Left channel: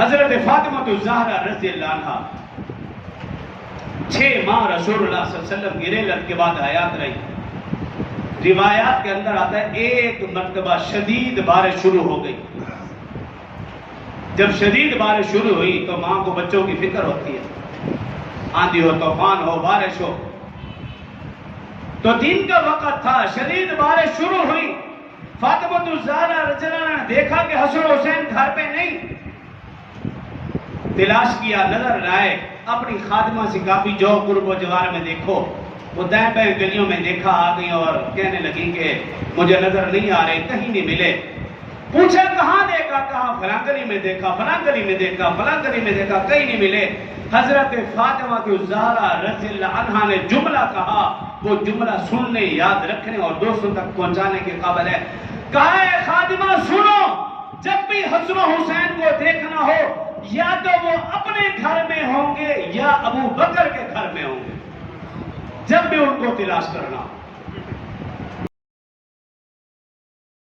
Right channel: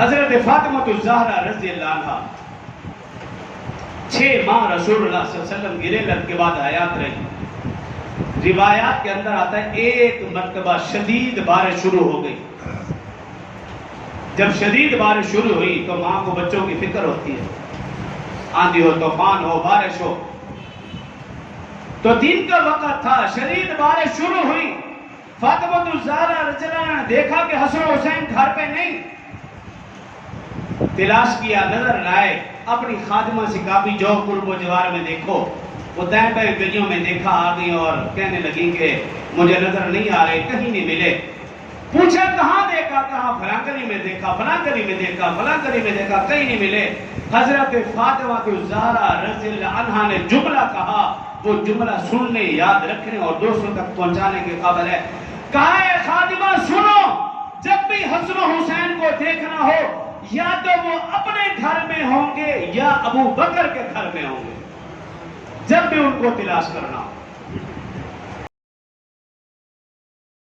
حضرت فاطمہ الزہرا رضی اللہ عنہ 6 ماہ رسول اللہ صلی اللہ علیہ وسلم کی رحلت کے بعد حیات رہی۔ روایات کے اندر آتا ہے ایک مرتبہ شدید بارش شروع ہو گئی۔ جب شدید بارش شروع ہوئی تو ماں کو بچوں کی فکر ہوتی ہے، آندھی ہو، طوفان ہو، بارش ہو۔ تو دن کا وقت تھا، شدید بارش شروع ہوئی۔ فاطمہ الزہرا رضی اللہ عنہا نے دیکھا کہ حسن حسین گھر پہ نہیں، تلاش کیا، نظر نہ آئے۔ اپنی خادمہ سے کہا بھی جو قرب و جوار میں دیکھو۔ وہ دائیں بائیں گلیوں میں دیکھا، آ گئی اور کہنے لگی کہ مجھے نظر نہیں آ رہے، کہیں نہیں ملے۔ پوچھا کہاں دیکھا؟ کہاں فلاں گلی میں دیکھا، فلاں گلی میں دیکھا، فلاں گلی میں دیکھا، کہیں نہیں ملے۔ حضرت فاطمہ الزہرا رضی اللہ عنہا نے جملہ کہا، وہ جملہ سننے، یاد رکھنے اور دوسروں تک پہنچانے کے قابل ہے۔ کہا اے خادمہ سنو، جب بھی حسن حسین کو دیکھنا ہو یا تو وہ اپنے گھر میں ہوں گے یا ابو بکر کے گھر میں ہوں گے، جب بھی ان کو تلاش کرنا ہو۔